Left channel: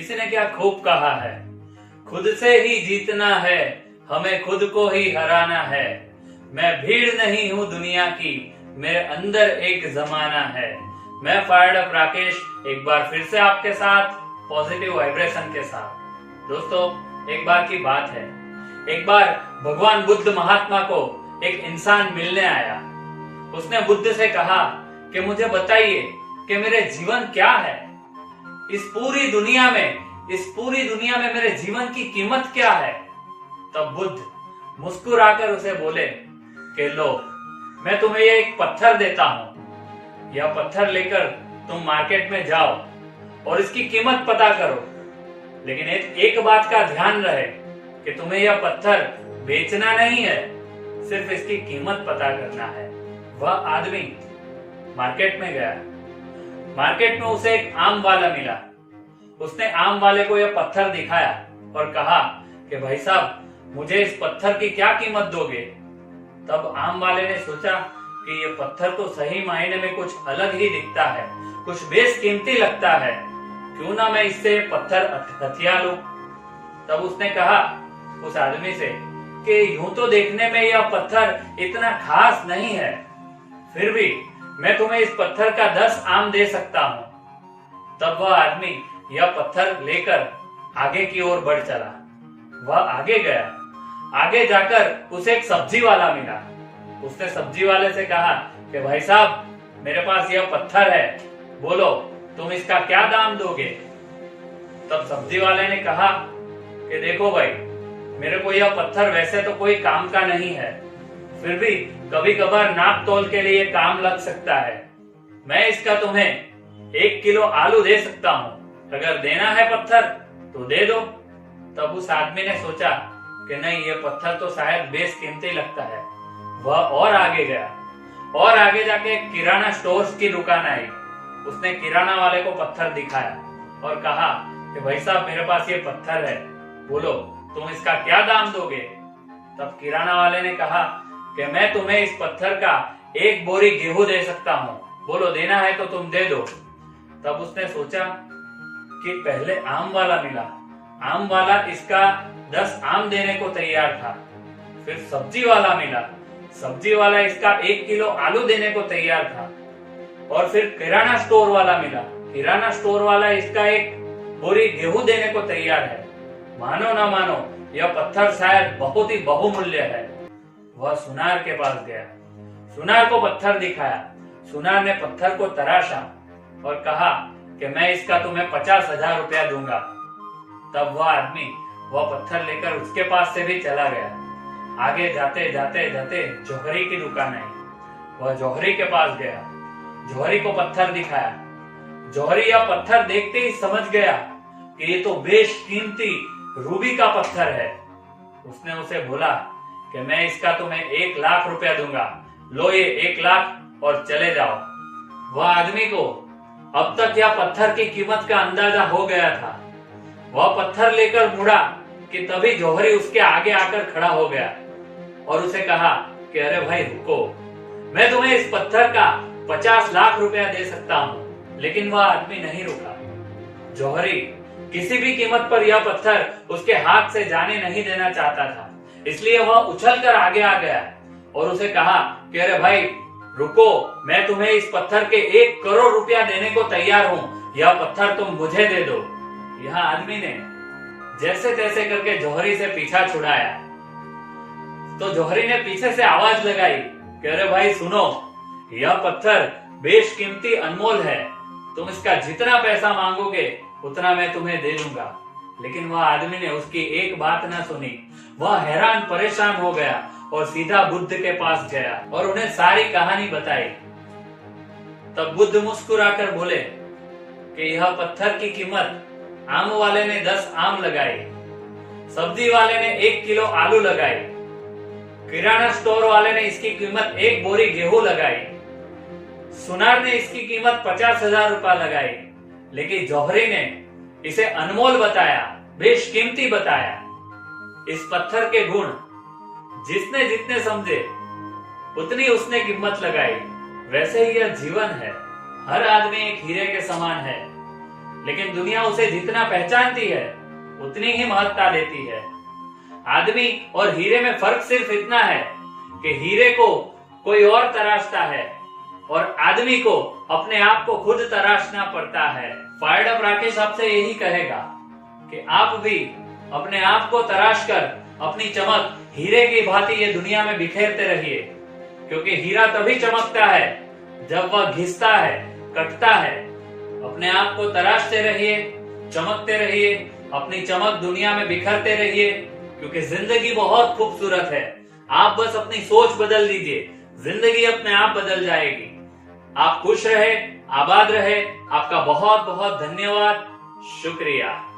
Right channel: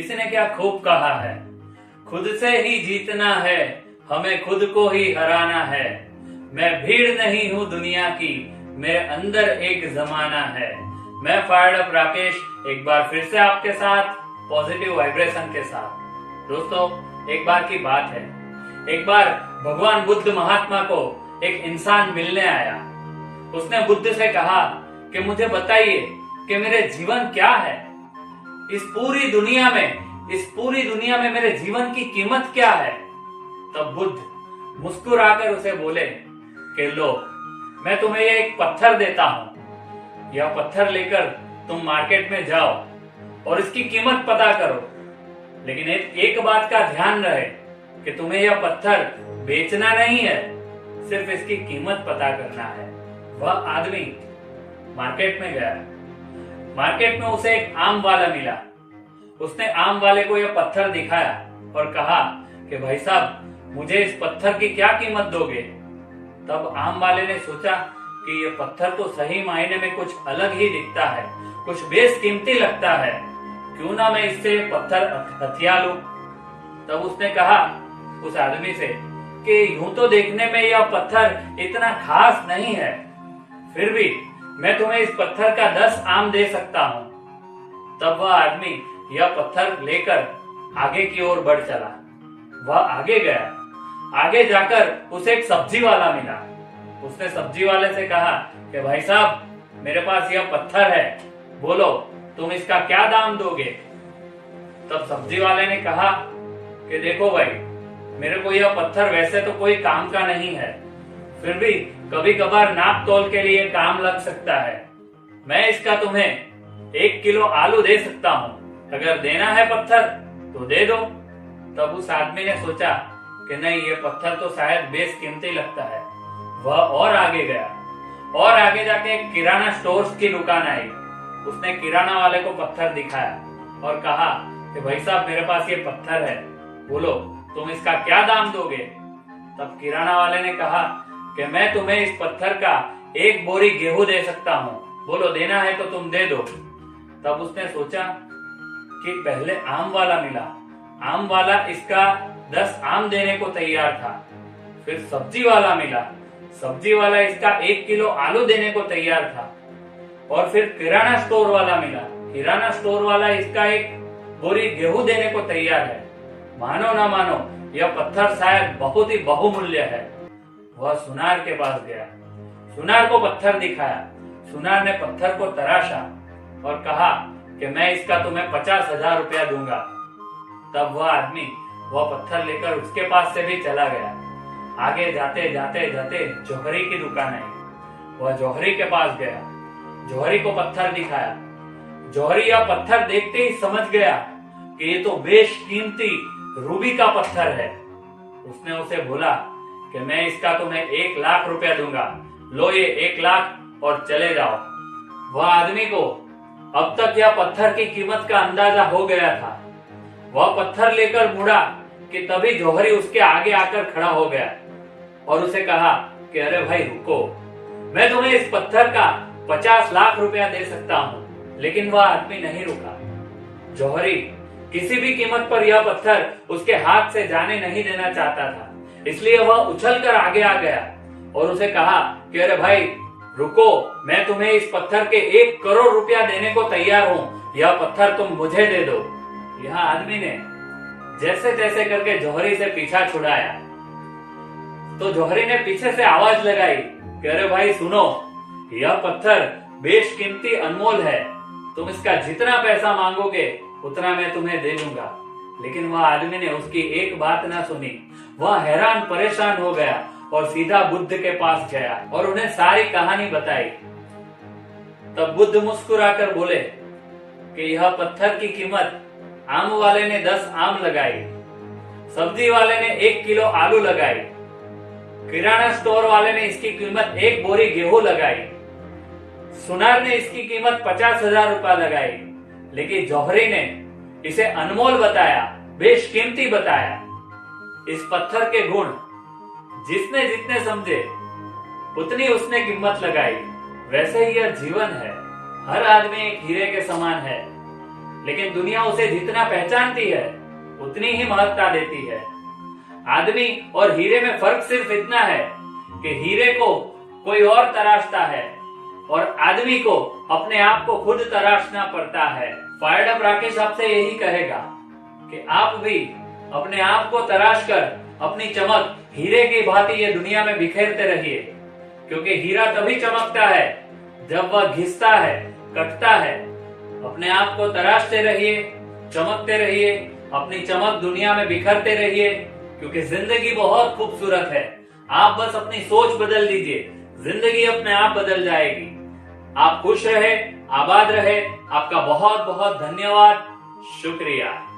किसी ने क्या खूब कहा है, खुद से ही जीतना है, हमें खुद को ही हराना है। मैं भीड़ नहीं हूँ दुनिया की, मेरे अंदर एक जमाना है। मैं फायर्ड अप राकेश एक बार फिर से आपके साथ पॉजिटिव वाइब्रेशन के साथ। दोस्तों, एक बार की बात है, एक बार भगवान बुद्ध महात्मा को एक इंसान मिलने आया। उसने बुद्ध से कहा कि मुझे बताइए कि मेरे जीवन क्या है, इस पूरी दुनिया में मेरे जीवन की कीमत क्या है। तब बुद्ध मुस्कुराकर उसे बोले कि लो, मैं तुम्हें ये एक पत्थर देता हूं, यह पत्थर लेकर तुम मार्केट में जाओ और इसकी कीमत पता करो, लेकिन एक बात का ध्यान रहे कि तुम्हें यह पत्थर बेचना नहीं है, सिर्फ इसकी कीमत पता करना है। वह आदमी मार्केट में गया। मार्केट में उसे एक आम वाला मिला। उसने आम वाले को यह पत्थर दिखाया और कहा कि भाई साहब, मुझे इस पत्थर की क्या कीमत दोगे। तब आम वाले ने सोचा कि यह पत्थर तो सही मायने में कुछ अलग ही दिखता है, कुछ बेशकीमती लगता है, क्यों ना मैं इससे पत्थर हथिया लूं। तब उसने कहा उस आदमी से कि यूं तो देखने में यह पत्थर इतना खास नहीं है, फिर भी मैं तुम्हें इस पत्थर का 10 आम दे सकता हूं। तब वह आदमी यह पत्थर लेकर आगे की ओर बढ़ चला। वह आगे गया। आगे जाकर उसे एक सब्जी वाला मिला। उसने सब्जी वाले से कहा कि भाई साहब, मेरे पास यह पत्थर है, बोलो तुम इसका क्या दाम दोगे। तब सब्जी वाले ने कहा कि देखो भाई, मेरे को यह पत्थर वैसे तो कोई काम का नहीं है, फिर भी कभी कभार नाप तोल के लिए काम लग सकता है। मैं इसका तुम्हें 1 किलो आलू दे सकता हूँ, अगर देना है पत्थर तो दे दो। तब उस आदमी ने सोचा कि नहीं, ये पत्थर तो शायद बेशकीमती लगता है। वह और आगे गया और आगे जाके एक किराना स्टोर्स की दुकान आई। उसने किराना वाले को पत्थर दिखाया और कहा कि भाई साहब, मेरे पास ये पत्थर है, बोलो तुम इसका क्या दाम दोगे। तब किराना वाले ने कहा कि मैं तुम्हें इस पत्थर का 1 बोरी गेहूं दे सकता हूँ, बोलो देना है तो तुम दे दो। तब उसने सोचा कि पहले आम वाला मिला, आम वाला इसका 10 आम देने को तैयार था। फिर सब्जी वाला मिला, सब्जी वाला इसका 1 किलो आलू देने को तैयार था। और फिर किराना स्टोर वाला मिला, किराना स्टोर वाला इसका 1 बोरी गेहूं देने को तैयार है। मानो ना मानो, यह पत्थर शायद बहुत ही बहुमूल्य है। वह सुनार के पास गया, सुनार को पत्थर दिखाया। सुनार ने पत्थर को तराशा और कहा कि मैं इसका तुम्हें 50,000 रुपया दूंगा। तब वह आदमी वह पत्थर लेकर उसके पास से भी चला गया। आगे जाते जाते जाते जौहरी की दुकान आई। वह जौहरी के पास गया, जौहरी को पत्थर दिखाया। जौहरी यह पत्थर देखते ही समझ गया कि ये तो बेशकीमती रूबी का पत्थर है। उसने उसे बोला कि मैं इसका तुम्हें 1 लाख रुपया दूंगा, लो ये 1 लाख और चले जाओ। वह आदमी को अब तक यह पत्थर की कीमत का अंदाजा हो गया था। वह पत्थर लेकर मुड़ा कि तभी जौहरी उसके आगे आकर खड़ा हो गया और उसे कहा कि अरे भाई रुको, मैं तुम्हें इस पत्थर का 50 लाख रुपया दे सकता हूं। लेकिन वह आदमी नहीं रुका। जौहरी किसी भी कीमत पर यह पत्थर उसके हाथ से जाने नहीं देना चाहता था, इसलिए वह उछलकर आगे आ गया और उसे कहा कि अरे भाई रुको, मैं तुम्हें इस पत्थर के 1 करोड़ रुपया देने को तैयार हूं, यह पत्थर तुम मुझे दे दो। यह आदमी ने जैसे तैसे करके जौहरी से पीछा छुड़ाया तो जौहरी ने पीछे से आवाज लगाई कि अरे भाई सुनो, यह पत्थर बेशकीमती अनमोल है, तुम इसका जितना पैसा मांगोगे उतना मैं तुम्हें दे दूंगा। लेकिन वह आदमी ने उसकी एक बात ना सुनी। वह हैरान परेशान हो गया और सीधा बुद्ध के पास गया और उन्हें सारी कहानी बताई। तब बुद्ध मुस्कुराकर बोले कि यह पत्थर की कीमत आम वाले ने 10 आम लगाई, सब्जी वाले ने 1 किलो आलू लगाई, किराना स्टोर वाले ने इसकी कीमत 1 बोरी गेहूं लगाई, सुनार ने इसकी कीमत 50,000 रुपया लगाई, लेकिन जौहरी ने इसे अनमोल बताया, बेशकीमती बताया। इस पत्थर के गुण जिसने जितने समझे उतनी उसने कीमत लगाई। वैसे ही यह जीवन है, हर आदमी एक हीरे के समान है। लेकिन दुनिया उसे जितना पहचानती है उतनी ही महत्ता देती है। आदमी और हीरे में फर्क सिर्फ इतना है कि हीरे को कोई और तराशता है और आदमी को अपने आप को खुद तराशना पड़ता है। फायर्ड अप राकेश आपसे यही कहेगा कि आप भी अपने आप को तराश कर अपनी चमक हीरे की भांति ये दुनिया में बिखेरते रहिए, क्योंकि हीरा तभी चमकता है जब वह घिसता है, कटता है। अपने आप को तराशते रहिए, चमकते रहिए, अपनी चमक दुनिया में बिखरते रहिए, क्योंकि जिंदगी बहुत खूबसूरत है। आप बस अपनी सोच बदल दीजिए, जिंदगी अपने आप बदल जाएगी। आप खुश रहे, आबाद रहे। आपका बहुत बहुत धन्यवाद, शुक्रिया।